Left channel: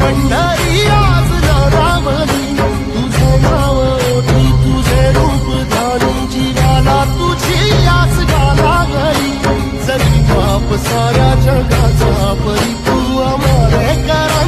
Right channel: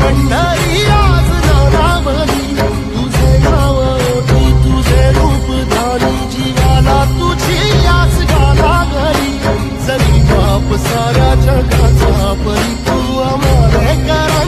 पंढरी आज नारावली, तुझे नाव ओठी तुझे रूप धानी, जीवाला तुझी आस लागली, जरी बाप साऱ्या जगाचा परी तू आम्हाला करा